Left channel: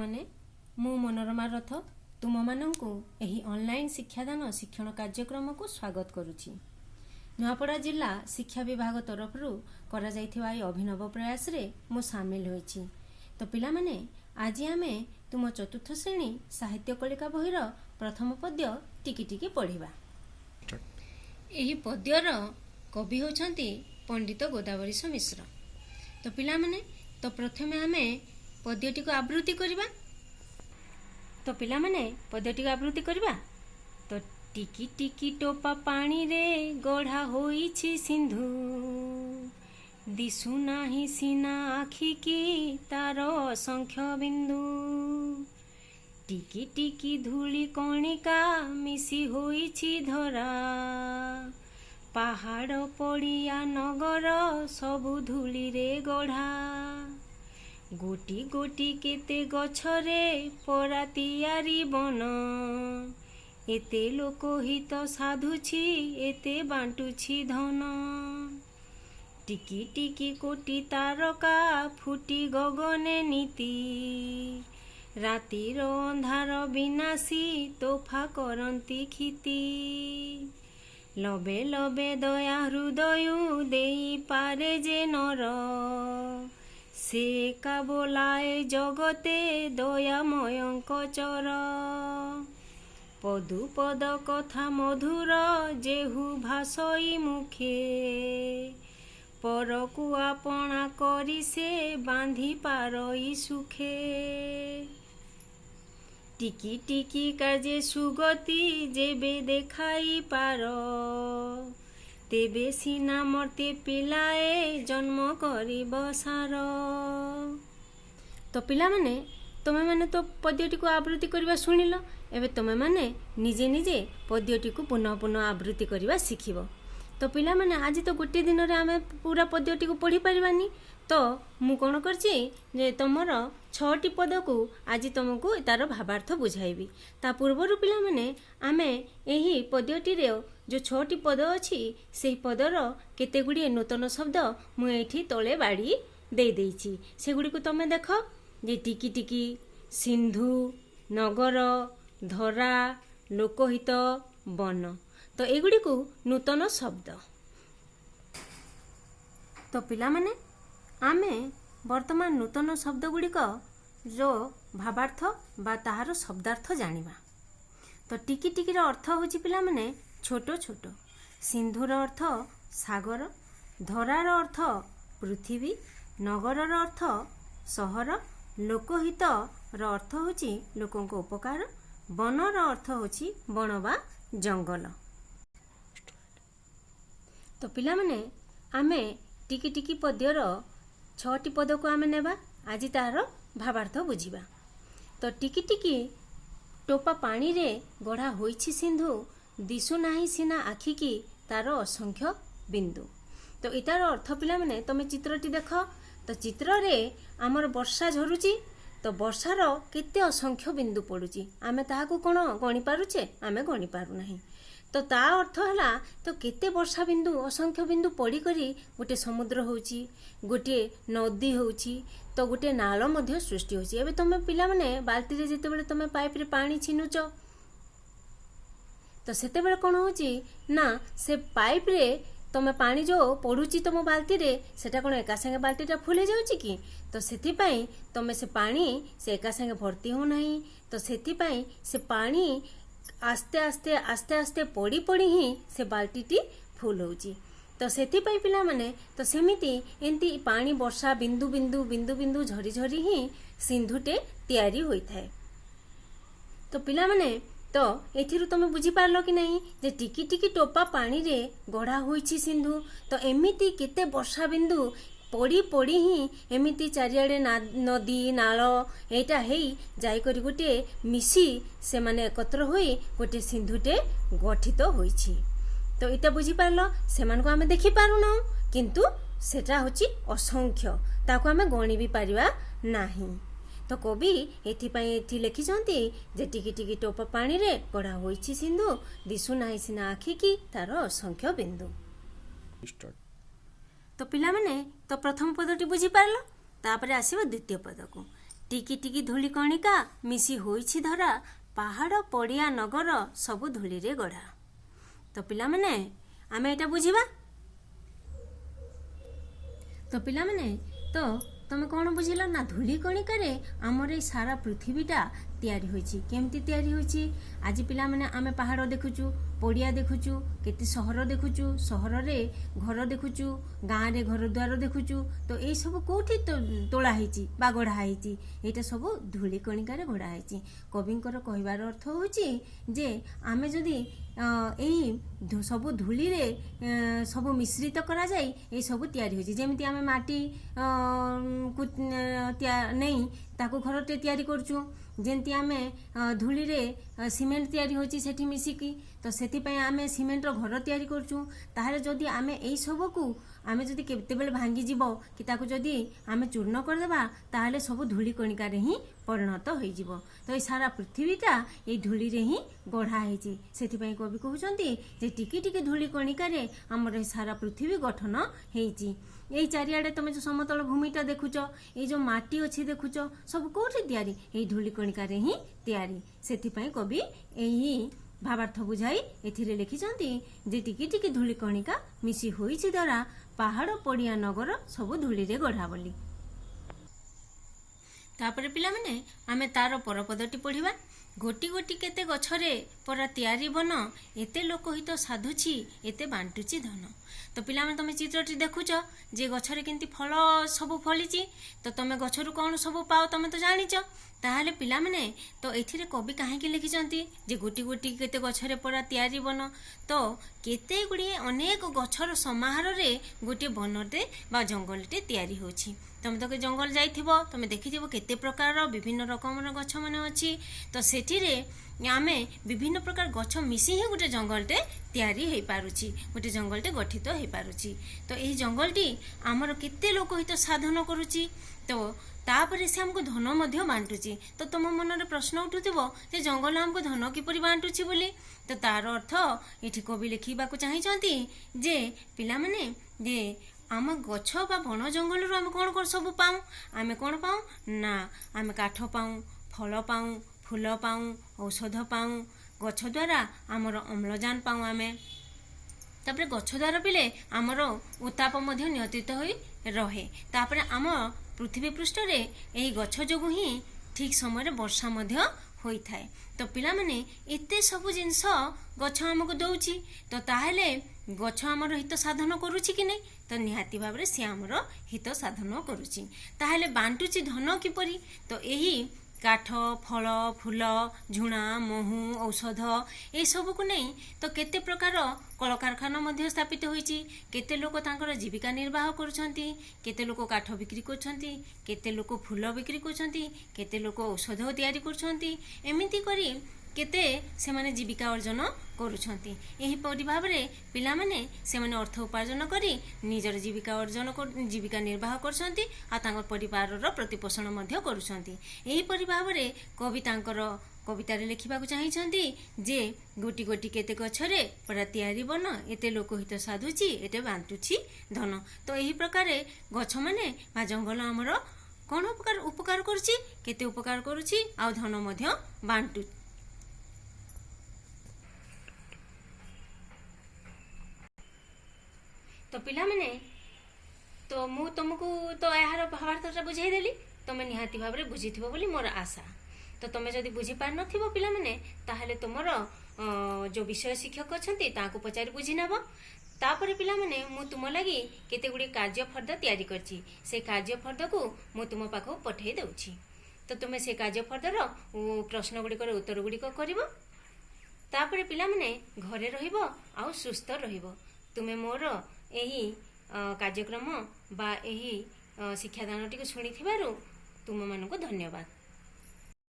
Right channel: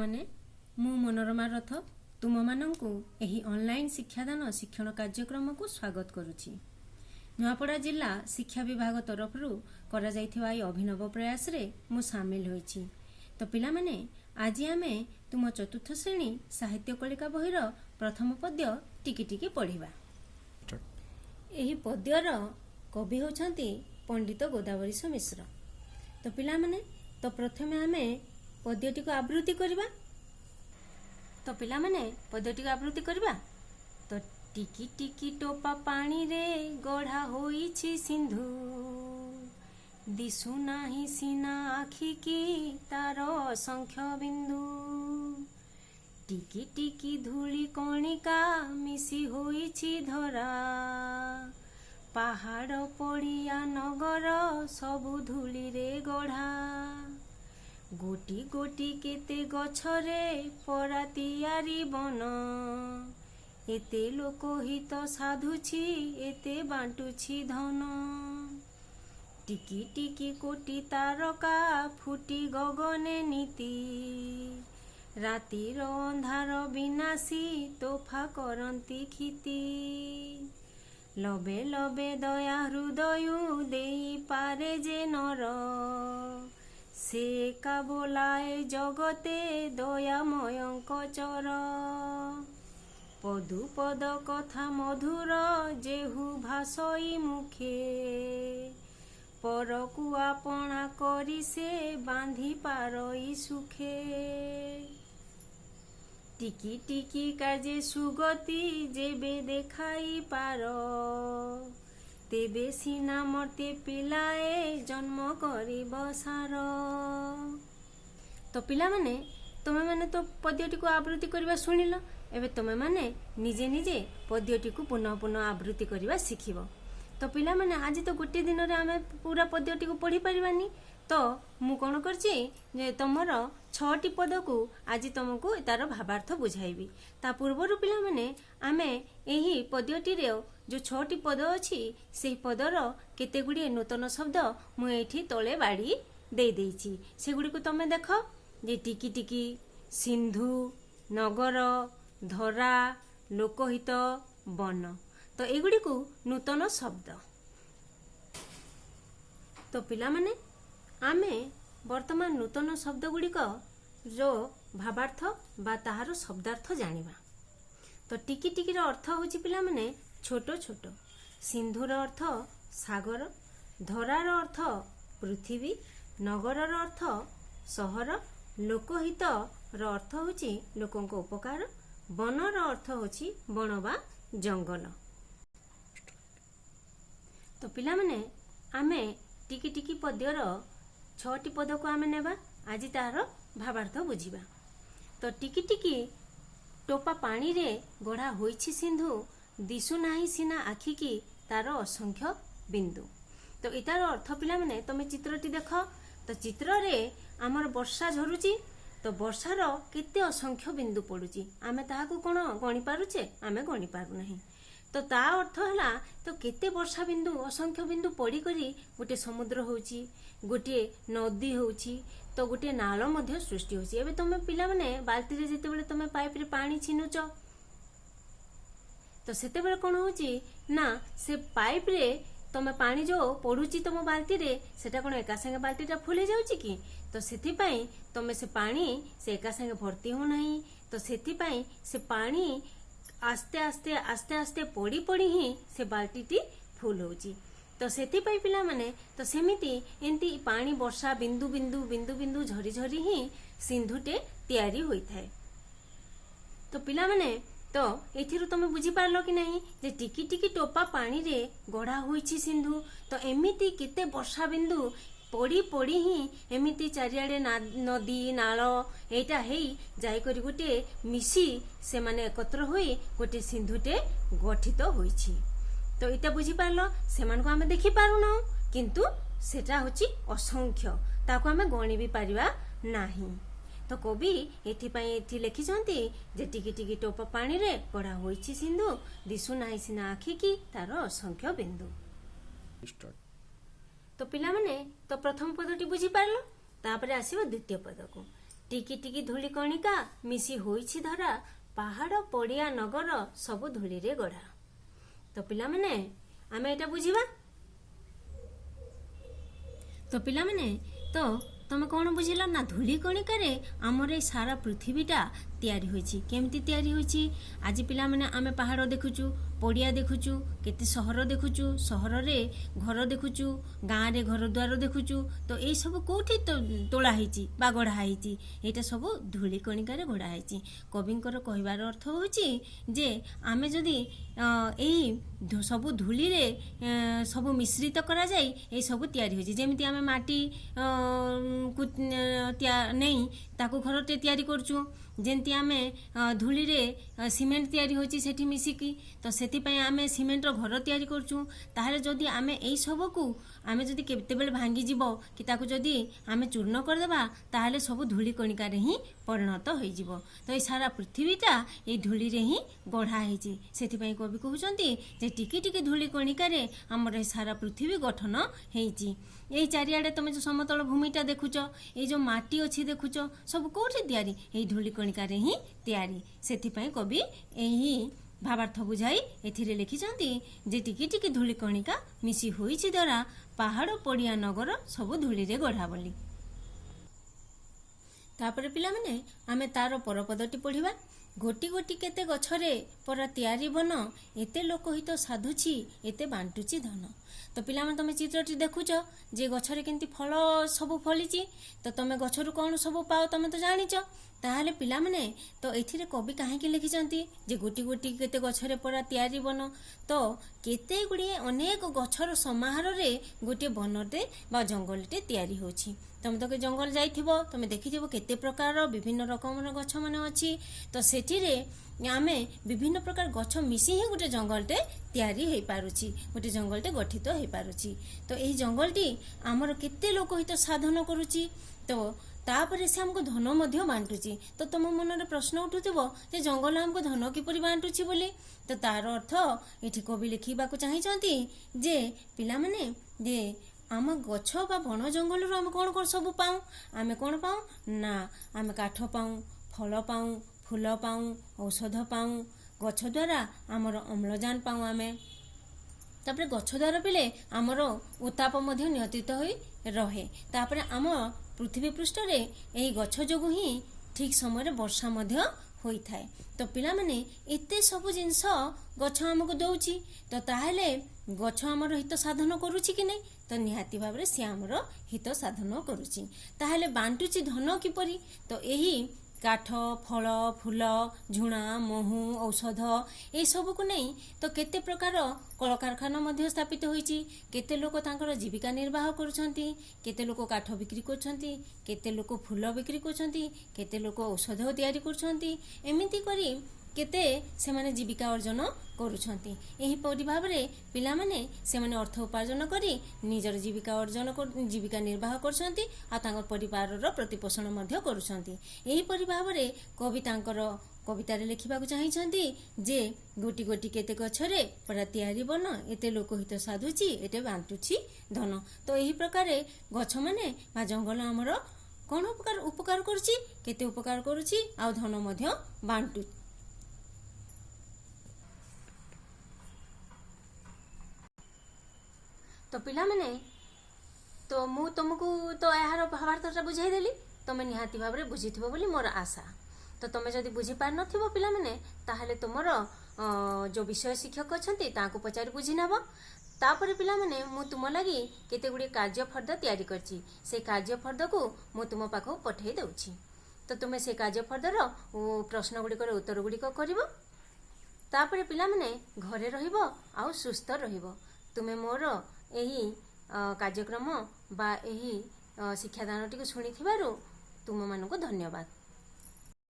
ମାନେ ମୁଁ ମନୋରମା ରଥ ତୁମମାନଙ୍କୁ ଏହି ଅନଲାଇନ୍ ଶିକ୍ଷାଦାନ ଶିକ୍ଷଣ କାର୍ଯ୍ୟକ୍ରମକୁ ସ୍ୱାଗତ କରୁଛି। ନୂଆପଡ଼ା ଜିଲ୍ଲା ଶିକ୍ଷା ବିଭାଗ ତରଫରୁ କରାଯାଇଥିବା ଏହି ଅଭିନବ ପ୍ରୟାସରେ ମୁଁ ସାମିଲ ହୋଇଛି। ତ ପିଲାମାନେ, ଆଜି ଆମେ ତୁମ ଚତୁର୍ଥ ଶ୍ରେଣୀ ସାହିତ୍ୟ କଳିକା ବହିର ପ୍ରଥମ ପଦ୍ୟ ଟିକି ଟିକି ପଢ଼ିବା। ଏହି ପଦ୍ୟର କବି ହେଉଛନ୍ତି ପଣ୍ଡିତ ଗୋଦାବରୀଶ ମିଶ୍ର। ତ ପିଲାମାନେ, ପ୍ରଥମେ ଆମେ ପଦ୍ୟଟିକୁ ଆବୃତ୍ତି କରିବା। ତ ପିଲାମାନେ, ପଦ୍ୟଟିକୁ ଆବୃତ୍ତି କରିବା। ତ ଟିକି ଟିକି ଟୋପା ପାଣିରେ ଗଢ଼ା ହୋଇଛି ସିନ୍ଧୁ, ଦିଶୁନାହିଁ ସିନା ଆଖିକି ତାର ଅସଂଖ୍ୟ ବିନ୍ଦୁ। ଟିକି ଟିକି ଧୂଳି କଣିକା ମିଶି ହୋଇଛି ଧରା, ପାହାଡ଼ ପଡ଼ିଆ ନଗର ସବୁ ଧୂଳିରେ ଗଢ଼ା। ଗୋଟି ଗୋଟି କେତେ ଗଛରେ ପରା ତିଆରି ବନ, ଏତେ ଲୋକହିତ ସାଧୁଛି ଏତେ ବାଣ୍ଟୁଛି ଧନ। ଟିକି ଟିକି କୋଟି ତାରକା ଫୁଟି ଗଗନେ ନୀତି, ରାତିର ଅନ୍ଧାର ବିନାଶୀ ତୋଫା କରନ୍ତି କ୍ଷିତି। ଲବେ ଲବେ ଦୟା ହୃଦୟ ଦେଇପାରେ ଯେ ନର, ସେ ଏକା ବୋଲାଏ ଜଗତେ ଦୟାମୟଙ୍କ ଚର। ପଦୁ ପଦ କଥା ମଧୁର ଯେହୁ ଭାଷଇ ମୁଖେ, ପରକୁ ଆପଣା କରି ସେ ବାନ୍ଧି ପାରଇ ସୁଖେ। ଟିକି ଟିକି କାଜେ ସୁଗତି ଯେବେ ଦେଖାଇ ପାର, ତେବେ ସିନା ମର୍ତ୍ତେ ପିଲାଏ ଜନ୍ମ କରିବ ସାର। ତ ପିଲାମାନେ, ତମେମାନେ ତ ପଦ୍ୟଟିକୁ ଆବୃତ୍ତି କରିବା ଶୁଣିଲ। ଏବେ ତମେମାନେ ନିଜେ ନିଜେ ପଦ୍ୟଟିକୁ ପୁନଃ ପୁନଃ ଆବୃତ୍ତି କରିବା ଶିଖିବ। ତ ପିଲାମାନେ, ଆଜି ତ ଗୋଟିଏ ଦିନରେ ଆମେ ପୁରା ପଦ୍ୟଟିକୁ ପଢ଼ି ପାରିବାନି। ତ ମୁଁ କ'ଣ କରିଛି ଯେ ତମର 6ଟି ପଦକୁ ଆଜି ତମକୁ ତାର ଭାବାର୍ଥ ବୁଝାଇବି। ତା ପୂର୍ବରୁ ପିଲାମାନେ, ଆମେ ଏହି ପଦ୍ୟଟିରେ ଯେଉଁ 6ଟି ପଦ ଅଛି, ସେହି ପଦର କେତେଗୁଡ଼ିଏ ନୂତନ ଶବ୍ଦ ମୁଁ ଏଇଠି ତଳେ ବାଡ଼ି ଦେଇଦେଇଛି। ସେଗୁଡ଼ିକୁ ତମେ ଦେଖ। ଯେ ଟିକି ଟିକି, ସିନ୍ଧୁ, ନଗର, ଧରା, ଲୋକହିତ, ବନ। ତ ଏଗୁଡ଼ିକୁ ନୂତନ ଶବ୍ଦ। ତ ପିଲାମାନେ, ଆମେ ବର୍ତ୍ତମାନ ନୂତନ ଶବ୍ଦଗୁଡ଼ିକ ଭାବାର୍ଥ ବା ତାହାର ଶବ୍ଦାର୍ଥ ଜାଣିବା। ତ ଟିକି ଟିକିର ଅର୍ଥ ହେଉଛି ପିଲାମାନେ ଛୋଟ ଛୋଟ, ସିନ୍ଧୁର ଅର୍ଥ ସାଗର, ଧରାର ଅର୍ଥ ପୃଥିବୀ, ନଗରର ଅର୍ଥ ସହର, ଲୋକହିତର ଅର୍ଥ ହେଉଛି ଲୋକଙ୍କ ଉପକାର, ବନର ଅର୍ଥ ହେଉଛି ବଣ ବା ଜଙ୍ଗଲ। ତ ପିଲାମାନେ, ଆମେ ଟିକି ଟିକି ପଦ୍ୟର 6ଟି ପଦକୁ ଆମେ ନେବା। ଆଜି ତାହାର ଭାବାର୍ଥ ବୁଝିବା। ତ ଟିକି ଟିକି ଟୋପା ପାଣିରେ ଗଢ଼ା ହୋଇଛି ସିନ୍ଧୁ, ଦିଶୁନାହିଁ ସିନା ଆଖିକି ତାର ଅସଂଖ୍ୟ ବିନ୍ଦୁ। ତ ଏଟାର ଅର୍ଥ ପିଲାମାନେ, ତମେ ଚିତ୍ରଟି ଦେଖ। ତ ଚିତ୍ରରେ ଆମର ବର୍ଷା ଝରୁଛି। ତ ବର୍ଷାର କେତେ ଅସଂଖ୍ୟ ବିନ୍ଦୁ ପଡ଼ୁଛି, ଆମେ ତାହାକୁ କ'ଣ ଗଣି ପାରୁଛେ? ଆମେ ଗଣି ପାରୁନାହିଁ। ତ ତା ଅର୍ଥ ହେଲା, ତ କେତେ ବର୍ଷା ବିନ୍ଦୁ, ଅସଂଖ୍ୟ ବିନ୍ଦୁ ପଡ଼ିକରି ଗୋଟିଏ ସମୁଦ୍ର ହେଉଛି, ଗୋଟିଏ ନଦୀ ହେଉଛି, ତ ଗୋଟିଏ ନାଳ ମଧ୍ୟ ସୃଷ୍ଟି ହେଉଛି। ଏବେ ତମେ ପିଲାମାନେ ବାଲ୍ଟିରେ ଯେତେବେଳେ ତମେ ପାଇପ୍ରେ ପାଣି ଛିନୁଛ, ତ ସେତେବେଳେ କ'ଣ ହେଉଛି ନା, ସେ ପାଇପ୍ରେ ତମେ ପାଣି ଯେଉଁ ପଡ଼ୁଛି ତମ ବାଲ୍ଟିରେ, ସେଟା କ'ଣ ଏକା ସାଙ୍ଗେ ବାଲ୍ଟିଟା ଫୁଲ୍ ହେଇଯାଉଛି କି? ତ ସେଥିପାଇଁ ତମେ ସେ ପାଣି ସେ ଏକା ସାଙ୍ଗେ ଭର୍ତ୍ତି ହେଉନାହିଁ। ତ ସେଥିପାଇଁ ସେ ପାଣି ଆସ୍ତେ ଆସ୍ତେ ଆସ୍ତେ ଆସ୍ତେ ପଡ଼ି ପଡ଼ି ହିଁ ସେ ବାଲ୍ଟିଟି ଫୁଲ୍ ହେଉଛି। ତ ସେଥିପାଇଁ ପିଲାମାନେ, ତ ସେମିତି ଏମିତି ପାଣି ବର୍ଷା ବିନ୍ଦୁ ବିନ୍ଦୁ ବିନ୍ଦୁ ବିନ୍ଦୁ ଝରି ଝରି ହିଁ ସିନ୍ଧୁଟେ ତିଆରି ହୋଇଥାଏ। ତ ପିଲାମାନେ, ତ ଏଥିରୁ ତମେ ବୁଝିପାରିଲ କି ନାହିଁ ଯେ ଟିକି ଟିକି ଟୋପା ପାଣିରେ ଗଢ଼ା ହୋଇଛି ସିନ୍ଧୁ। ତ ଏମିତି କେତେ ବର୍ଷା ବିନ୍ଦୁ ପଡ଼ି ପଡ଼ି ହିଁ ଏମିତି ଚାରିଆଡ଼େ ନଦୀ ନାଳ ଏଇଟା ହେଇ ଯାଇକରି ଗୋଟିଏ ମିଶି ସେମାନେ ଏକତ୍ର ହୋଇ ଗୋଟିଏ ସିନ୍ଧୁଟେ ଗଠିତ ହୋଇଛି। ତ ଏଇଟା ବୁଝିପାରିଲ। ସେମାନଙ୍କୁ ଆମେ ଦେଖିପାରୁନାହୁଁ, କିନ୍ତୁ ସେଟା ହେଉଛି ଅସଂଖ୍ୟ, ତାକୁ ଆମେ ଗଣି ବି ପାରିବା ନାହିଁ। ତ କବି ଏଥିପାଇଁ ଏଠି ଲେଖିଛନ୍ତି ଯେ ଟିକି ଟିକି ଟୋପା ପାଣିରେ ଗଢ଼ା ହୋଇଛି ସିନ୍ଧୁ, ଦିଶୁନାହିଁ ସିନା ଆଖିକି ତାର ଅସଂଖ୍ୟ ବିନ୍ଦୁ। ତ ପିଲାମାନେ, ତ ପ୍ରଥମ ପଦଟି ବୁଝିପାରିଲ। ତାପରେ ଆସିବ ଦ୍ୱିତୀୟ ପଦକୁ। ଟିକି ଟିକି ଧୂଳି କଣିକା ମିଶି ହୋଇଛି ଧରା, ପାହାଡ଼ ପଡ଼ିଆ ନଗର ସବୁ ଧୂଳିରେ ଗଢ଼ା। ତ ପିଲାମାନେ ଆମେ ଏଇଟା ବୁଝିବା। ତ ପିଲାମାନେ ତ ତମେ କ'ଣ ବୁଝିଲ ନା ଧୂଳି କଣିକାରେ ଆମର ଏଇ ସାରା ପୃଥିବୀଟା ତିଆରି ହୋଇଛି। କେମିତି ତିଆରି ହୋଇଛି? ଆଜି ପିଲାମାନେ ଆମେ ପାହାଡ଼ ଦେଖୁଛୁ, ପଡ଼ିଆ ଦେଖୁଛୁ, କେତେ ସହର ଦେଖୁଛୁ, ସହରରେ ଘର ଦେଖୁଛୁ, ଗାଁରେ ଘର ଦ୍ୱାର ଦେଖୁଛୁ। ତ ଏଇସବୁ କେଉଁଠି ତୋଳା ହେଇଛି ବା ଗଢ଼ା ହେଇଛି? ଏଇଟା ସବୁ ଧୂଳି କଣିକାରେ ଗଢ଼ା ହେଇଛି। କବିଙ୍କର କହିବାର ଅର୍ଥ ହେଉଛି ଯେ ଆମେ ଯଦି ଏଇ ସବୁ ଧୂଳିରେ ସବୁ ମିଶ୍ରିତ କରାଯାଇ ଏଇସବୁ ତିଆରି ହୋଇଛି। ଯେମିତି ଆମେ ମାଟି ନେଇ ତାକୁ ଘରଟେ ତିଆରି କରୁଛୁ, ଯେମିତି ଆମେ ଧୂଳିରେ ସିମେଣ୍ଟ ତିଆରି ହେଉଛି ସେଠି ମିଶିକି, ତ ସେଥିପାଇଁ ଆମେ ସିମେଣ୍ଟର ଘର ତିଆରି କରୁଛୁ। ତାହେଲେ ଯଦି ଆମେ ଏଇ ସବୁକୁ ଆମେ ଯଦି କେତେବେଳେ ଭାଙ୍ଗିଯିବ କି ତାକୁ ଯଦି ଆମେ ଚୂର୍ଣ୍ଣ କରିଦେବା, ତାହେଲେ ସବୁ ଧୂଳି କଣିକାରେ ହିଁ ପରିଣତ ହୋଇଯିବ। ତ ଏଇ ସାରା ପୃଥିବୀଟା ଏଇ ଧୂଳିରେ ହିଁ ଗଢ଼ା ହେଇଛି। ସେଥିପାଇଁ କବି କହୁଛନ୍ତି ଯେ ଟିକି ଟିକି ଧୂଳି କଣିକାରେ ଆମର ଏଇ ସାରା ପୃଥିବୀ ଗଠନ ହେଇଛି। ଏଇ ଚାରିଆଡ଼େ ତମେ ଯେଉଁ ସମତଳ ଭୂମିଟା ଦେଖୁଛ, ଏଇ ଯେଉଁ ମାଟି ଅଛି ଦେଖୁଛ, ସବୁ କେଉଁଠି ତିଆରି? ଏଇ ଧୂଳି କଣିକାରେ ହିଁ ତିଆରି। ସେଥିପାଇଁ କବି ଏହି ଭାବାର୍ଥ ବୁଝାଇ ଏଥିରେ ଲେଖିଛନ୍ତି ଯେ ଟିକି ଟିକି ଧୂଳି କଣିକା ମିଶି ହୋଇଛି ଧରା, ପାହାଡ଼ ପଡ଼ିଆ ନଗର ସବୁ ଧୂଳିରେ ଗଢ଼ା ବୋଲି। ତାପରେ ପିଲାମାନେ ଆମେ ତାର ପରପଦଟି ପଢ଼ିବା। ଗୋଟି ଗୋଟି କେତେ ଗଛରେ ପରା ତିଆରି ବନ, ଏତେ ଲୋକହିତ ସାଧୁଛି ଏତେ ବାଣ୍ଟୁଛି ଧନ। ତ ପିଲାମାନେ ତମେ ଚିତ୍ରଟି ଦେଖୁଛ ଯେ ଗଛରେ କେମିତି ଫଳ ସବୁ ଫଳିଛି। ତ ତମେ ଗଛରୁ କ'ଣ ସବୁ ପାଅ ତମେ ତ ଜାଣିଛ। ତାହେଲେ ପିଲାମାନେ ତ ଏଥିରେ କବି କାହିଁକି ଲେଖିଛନ୍ତି ଯେ ଗୋଟି ଗୋଟି କେତେ ଗଛରେ ପରା ତିଆରି ବନ? ତ କେତେ ଗୁଡ଼ିଏ ଅନେକ ଗଛର ସମାହାରରେ ଗୋଟିଏ ବନଟେ ବା ଜଙ୍ଗଲଟେ ତିଆରି ହେଉଛି। ତମେ ତ ଜଙ୍ଗଲ ଯାଇଥିବ, ତମେ ଦେଖିଥିବ କେତେ ପ୍ରକାରର ବିଭିନ୍ନ ରକମର ଗଛ ମାନେ ଅଛି। ତ ସେଠିରେ ଆମେ ବିଭିନ୍ନ ପ୍ରକାର ଗଛ ମିଶି ହିଁ ଗୋଟେ ଜଙ୍ଗଲଟେ ତିଆରି ହେଇପାରୁଛି, ଗୋଟେ ଜଙ୍ଗଲଟେ ଗଠିତ ହେଇପାରୁଛି। ତ ଏହି ଜଙ୍ଗଲଟି ଆମର କେତେ ଲୋକ ହିତ ସାଧନ କରୁଛି। ତ ତାପରେ ସେ ଆମକୁ ଧନ ମଧ୍ୟ ବାଣ୍ଟୁଛି। ତ ତମ ମନରେ ପ୍ରଶ୍ନ ଉଠୁଥିବ ଯେ ଜଙ୍ଗଲ ଆମକୁ ଧନ କିପରି ବାଣ୍ଟୁଛି ବୋଲି। ତ ତାର ଅର୍ଥ ଏଠି କବି ଲେଖିବାକୁ ଚାହିଁଛନ୍ତି ଯେ ପିଲାମାନେ ଯେ ଆମ ଗଛ ବା ବଣ ଜଙ୍ଗଲରୁ ଆମେ କ'ଣ କ'ଣ ସବୁ ପାଉ? ଆମେ କ'ଣ ପାଉ ନା ଆମେ କାଠ ପାଉ, ଫଳ ପାଉ, ଫୁଲ ପାଉ, ଔଷଧ ପାଉ। ଗଛ ଦ୍ୱାରା ଆମର ଅମ୍ଳଜାନ ପାଉ ଆମେ। ତାପରେ ଗଛ ଦ୍ୱାରା ପିଲେ ଆମର ଉତ୍ତାପ ମଧ୍ୟ ନିୟନ୍ତ୍ରିତ ହୋଇ ରହେ। ତାପରେ ଆମ ପୃଥିବୀ ପୃଷ୍ଠରେ ଏହି ଗଛ ଯୋଗୁଁ ହିଁ ଠିକ୍ ସମୟରେ ବର୍ଷା ମଧ୍ୟ ହୋଇଥାଏ। ତ ପିଲାମାନେ ଏତେ ସବୁ ଜିନିଷ ଗଛ ଆମକୁ ଦେଉଛି। ତ ତାହେଲେ ଗଛ ଆମର ହିତ ସାଧନ କରୁଛି କି ନାହିଁ? ତ ନିହାତି ଭାବରେ ସିଏ ଆମର ହିତ ସାଧନ କରୁଛି। ତାହେଲେ ବାଣ୍ଟୁଛି ଧନ କିପରି? ତ ଏହି କାଠ, ଫଳ, ଫୁଲ, ଝୁଣା, ମହୁ, ଔଷଧ ଏସବୁକୁ ନେଇ ତ କେତେ ପ୍ରକାର କଳକାରଖାନା ମଧ୍ୟ ସ୍ଥାପିତ ହୋଇଛି। କେତେ ଲୋକ ତାଙ୍କର ଜୀବିକା ନିର୍ବାହ କରୁଛନ୍ତି। କେତେ ଲୋକ କାଠ ବିକ୍ରି କରୁଛନ୍ତି, କେତେ ଲୋକ ଫୁଲ ବିକ୍ରି କରୁଛନ୍ତି, କେତେ ଲୋକ ଔଷଧ ତିଆରି କରୁଛନ୍ତି। ଏମିତି କରି କେତେ ସେମାନେ ଜୀବିକା ଅର୍ଜନ କରୁଛନ୍ତି। ଏହିପରି ଭାବରେ ପିଲାମାନେ ସେମାନେ ଅର୍ଥ ଉପାର୍ଜନ କରି ନିଜର ଜୀବିକା ନିର୍ବାହ କରୁଛନ୍ତି ଆଉ ତାଙ୍କ ପରିବାରର ପ୍ରତିପୋଷଣ ମଧ୍ୟ କରୁଛନ୍ତି। ଏହିପରି ଭାବରେ କବି ତାଙ୍କର କବିତାରେ ଲେଖିବାକୁ ଚାହିଁଛନ୍ତି ଯେ ଗୋଟି ଗୋଟି କେତେ ଗଛରେ ପରା ତିଆରି ବନ, ଏତେ ଲୋକ ହିତ ସାଧୁଛି ଏତେ ବାଣ୍ଟୁଛି ଧନ। ତ ଏହି ପ୍ରକାରେ ଗଛମାନେ ବା ଜଙ୍ଗଲ ଆମର କ'ଣ ଉପକାର କରୁଛି? କେତେ ଉପକାର କରୁଛି ଆଉ ଧନ ମଧ୍ୟ ବାଣ୍ଟୁଛି। ତ ପିଲାମାନେ ତ ମୁଁ ତୁମକୁ ତ ଏହାର ଭାବାର୍ଥଟା ବୁଝାଇଦେଲି। ତମେ ନିହାତି ଭାବରେ ବୁଝିଥିବ ବୋଲି ମୋର ଆଶା। ତ ତମେ ଯଦି ବୁଝିପାରିନଥିବ ପିଲାମାନେ, ତାହେଲେ ତୁମର ଯେଉଁ ବିଷୟ ଶିକ୍ଷକ ଅଛନ୍ତି ତାଙ୍କୁ ପଚାରି ବୁଝି ନେବ। ତାପରେ ପିଲାମାନେ ମୁଁ ତୁମ ଲାଗି କେତେ ଗୁଡ଼ିଏ କାର୍ଯ୍ୟଫର୍ଦ୍ଦ ତିଆରି କରିଛି। ସେ କାର୍ଯ୍ୟଫର୍ଦ୍ଦକୁ ମୁଁ ତୁମ ପାଖକୁ ପଠାଇ ଦେଉଛି। ତ ତୁମେ ସେ କାର୍ଯ୍ୟଫର୍ଦ୍ଦର ପ୍ରଶ୍ନ ଗୁଡ଼ିକର ଉତ୍ତର ଗୁଡ଼ିକ କରିବ। ତାପରେ ପିଲାମାନେ ଘରେ ରହିବ ଆଉ ସୁସ୍ଥ ରହିବ। ତୁମେ ମୋର ଏହି କାର୍ଯ୍ୟକ୍ରମ ବା ଏହି ଶିକ୍ଷାଦାନଟିକୁ ଶୁଣିଥିବାରୁ ତୁମମାନଙ୍କୁ ଧନ୍ୟବାଦ।